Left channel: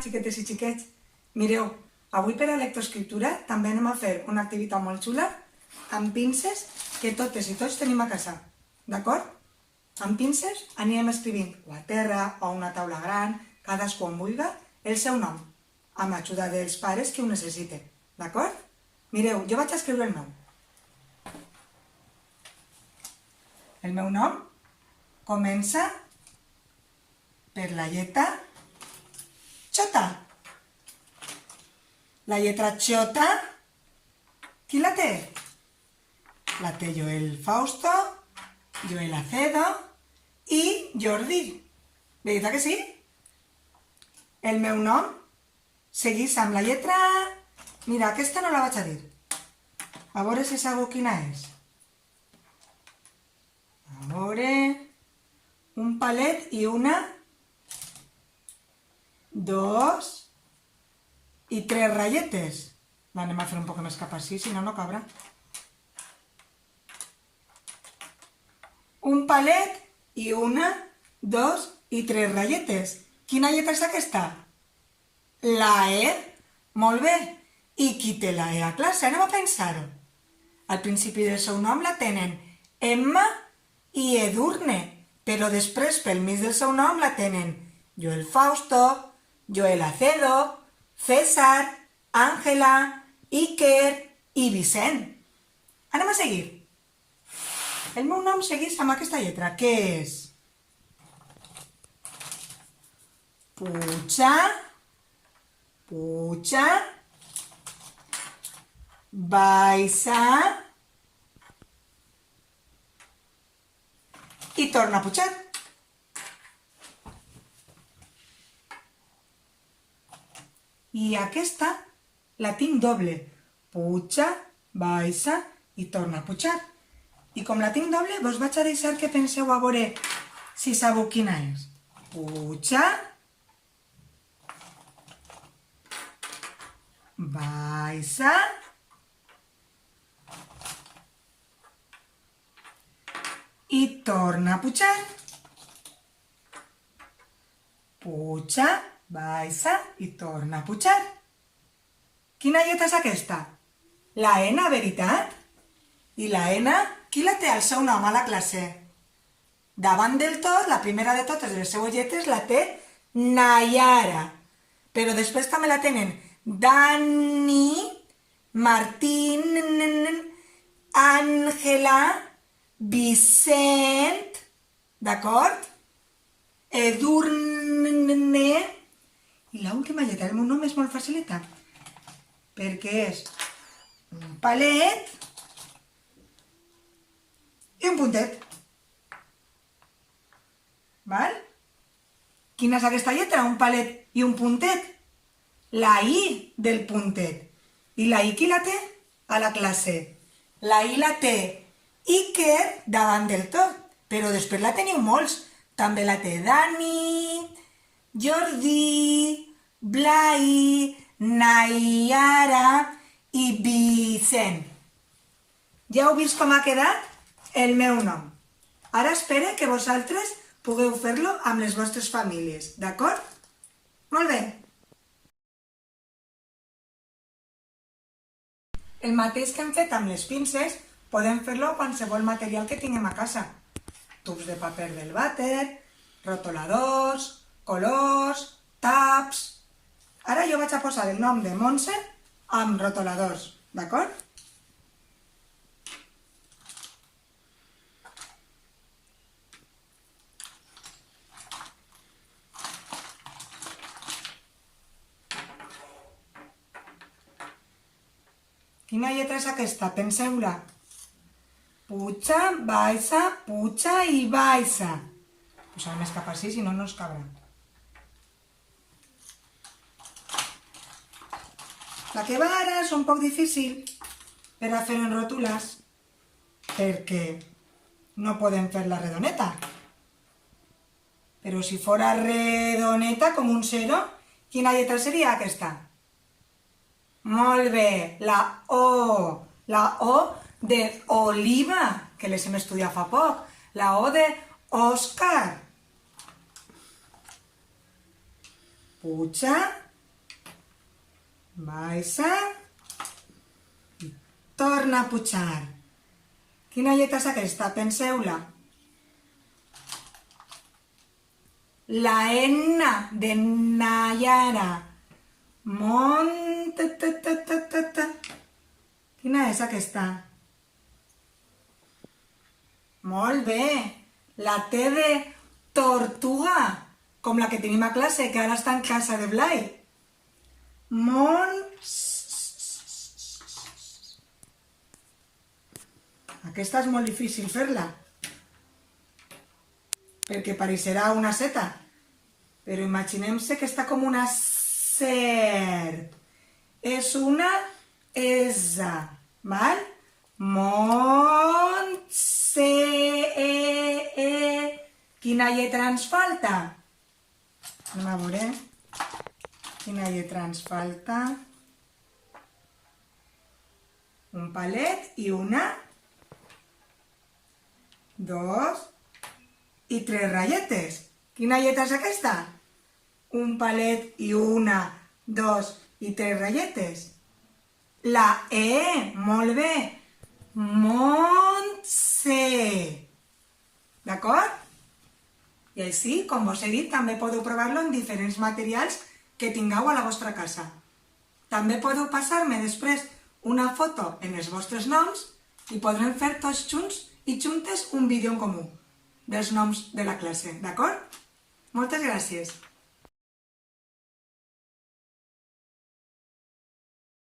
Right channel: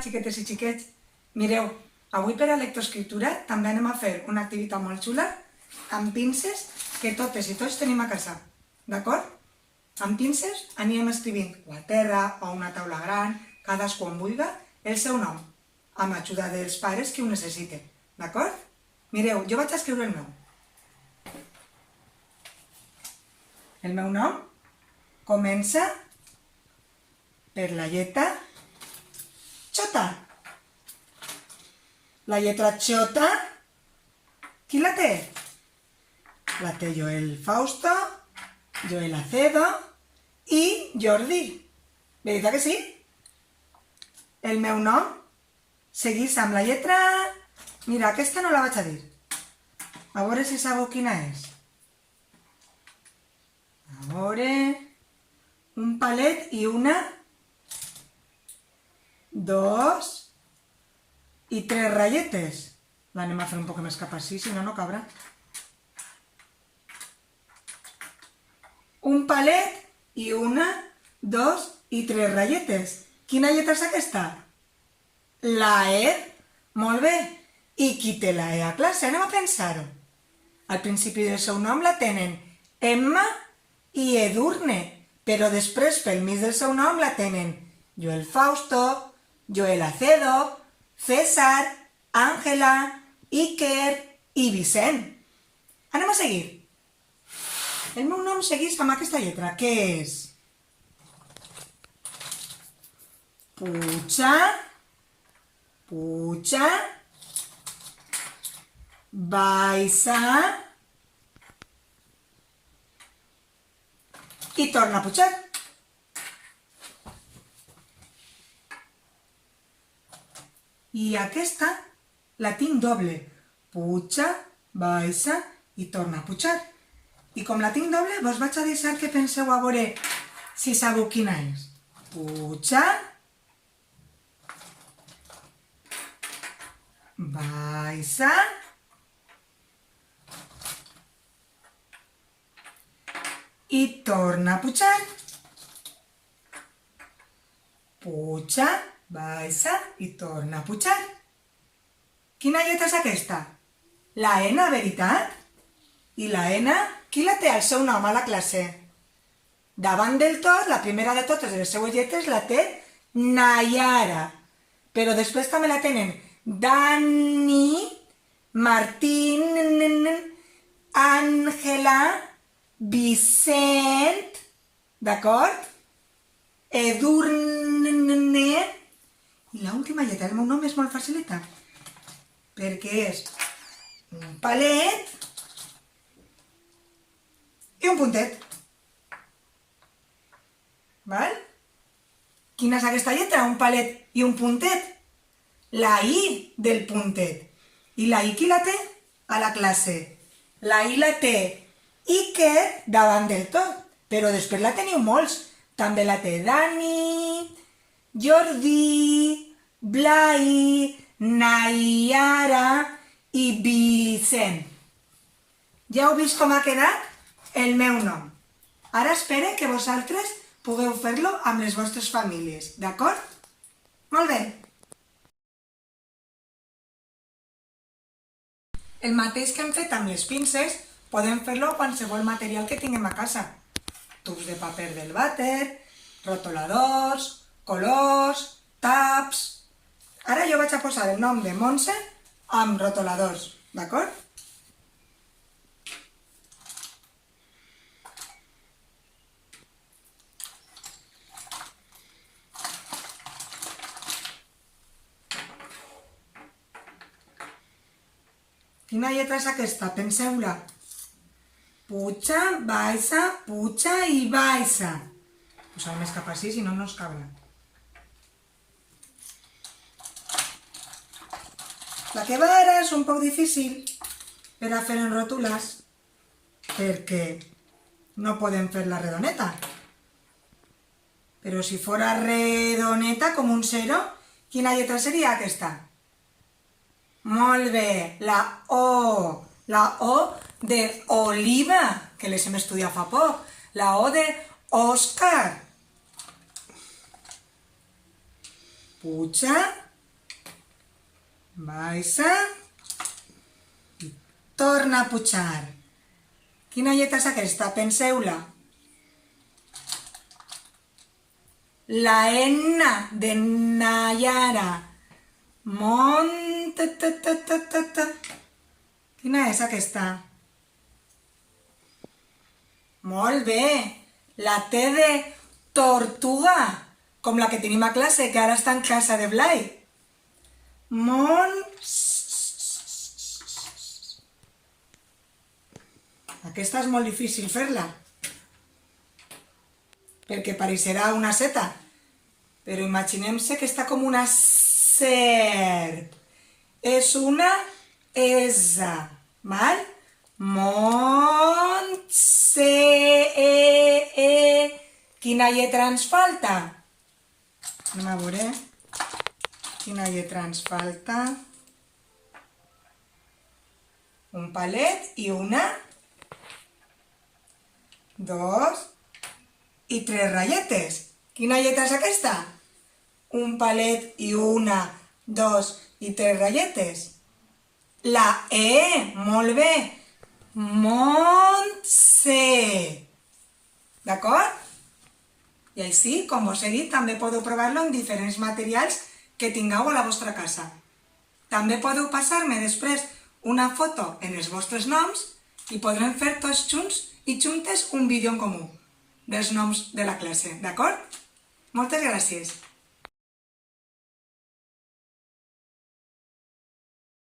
Xiquetes i xiquets, mireu, avui per a lectoescriptura també anem a fer una activitat molt xula amb pinces que totes i tots tenim a casa, d'acord? Amb pinces anirem escrivint o a terra o a una taula gran, cadascú on vulgui, el seu nom, amb ajuda dels pares que ho necessiten, d'acord? Mireu, jo vaig a escriure el meu. El meu nom comença per la lletra Xota. La lletra Xota, qui la té? La té Joel Fausto, Joel Acedo i Jordi. Veritat que sí? El meu nom seguís amb la lletra... Mira, aquesta no la vaig a dir. A veure si sabeu quina és. A veure... Un palet i una... 2 i 3 ratlletes. L'anem a fer un poc més cap així, si no, no cabrà. Un palet i una, 2 i 3 ratlletes. Quina lletra és aquesta? La E. Molt bé. I qui té la E a classe? Anem a pensar-ho. Al principi del seu nom la tenen Emma i Edurne, però després pel mig del seu nom la tenen Joel Fausto, Joel Acedo, César, Ángela, Iker i Vicent. Anem a seguir. El meu nom segueix amb aquesta lletra. Què és? Puja, puja, baixa i torna a pujar. I aquesta la tinc doble. Puja, baixa i torna a pujar. I com la tinc doble, vos vaig a deixar que penseu a veure si sabeu quina és. Puja, baixa i torna a pujar. Puja, baixa i torna a pujar. Quina lletra és aquesta? La N, veritat? I la N, qui la té al seu nom a la classe? Davant del tot, la primera de totes les seues lletres la té Nayara. Però després també la tenen Dani, Martín, Ángela, Vicent, d'acord? Edurne. I l'última lletra del meu nom és molt facilita, perquè és un palet i un puntet. Val? Quina és aquesta lletra? Un palet i un puntet. La I del puntet. I la I qui la té? A la classe. La I la té Iker davant del tot, però després la teniu molts. També la té Dani, Jordi, Blai, Nayara i Vicent. Ja heu vist com ha quedat el meu nom. Ara espero que vosaltres pugueu fer-lo amb les vostres famílies, d'acord? Molt bé. El mateix que hem fet amb les pinces, podem fer-lo amb qualsevol material que tinguem a casa. Tubs de paper del vàter, rotoladors, colors, taps... Ara jo vaig a posar el nom de Montse amb rotoladors, d'acord? Quina lletra és aquesta? Penseu-la. Puja, baixa, puja i baixa. Poseu més cap així, si no, no us cabrà. La que va ara és un poc difícil per a fer en ròtules, perquè no podem fer la redoneta. Però si fora redoneta com un 0, quina lletra seria aquesta? Molt bé, la O. La O de Oliva, que les hem estudiat fa poc. La O de Òscar. Puja, baixa, torna a pujar. Quina lletra és aquesta? Penseu-la. La N de Nayara. Quina és aquesta? Molt bé. La T de tortuga, com la que tenim a classe, que ara està en casa de Blai. Aquesta és molt difícil fer-la, perquè pareixerà una seta, però imaginem-se que està com una serp. És una S, val? Quina lletra ens falta? Anem a veure. Quina lletra ens falta? Un palet i una, 2 i 3 ratlletes. Quina lletra és aquesta? Un palet i una, 2 i 3 ratlletes. La E, molt bé. Montse. D'acord? I així, com us he dit, també podeu provar-lo en diferents materials que tingueu a la vostra casa. També podeu passar-me després una foto en els vostres noms i podrem fer tots junts i juntes un vídeo en comú dels noms de la classe, d'acord? Moltes gràcies!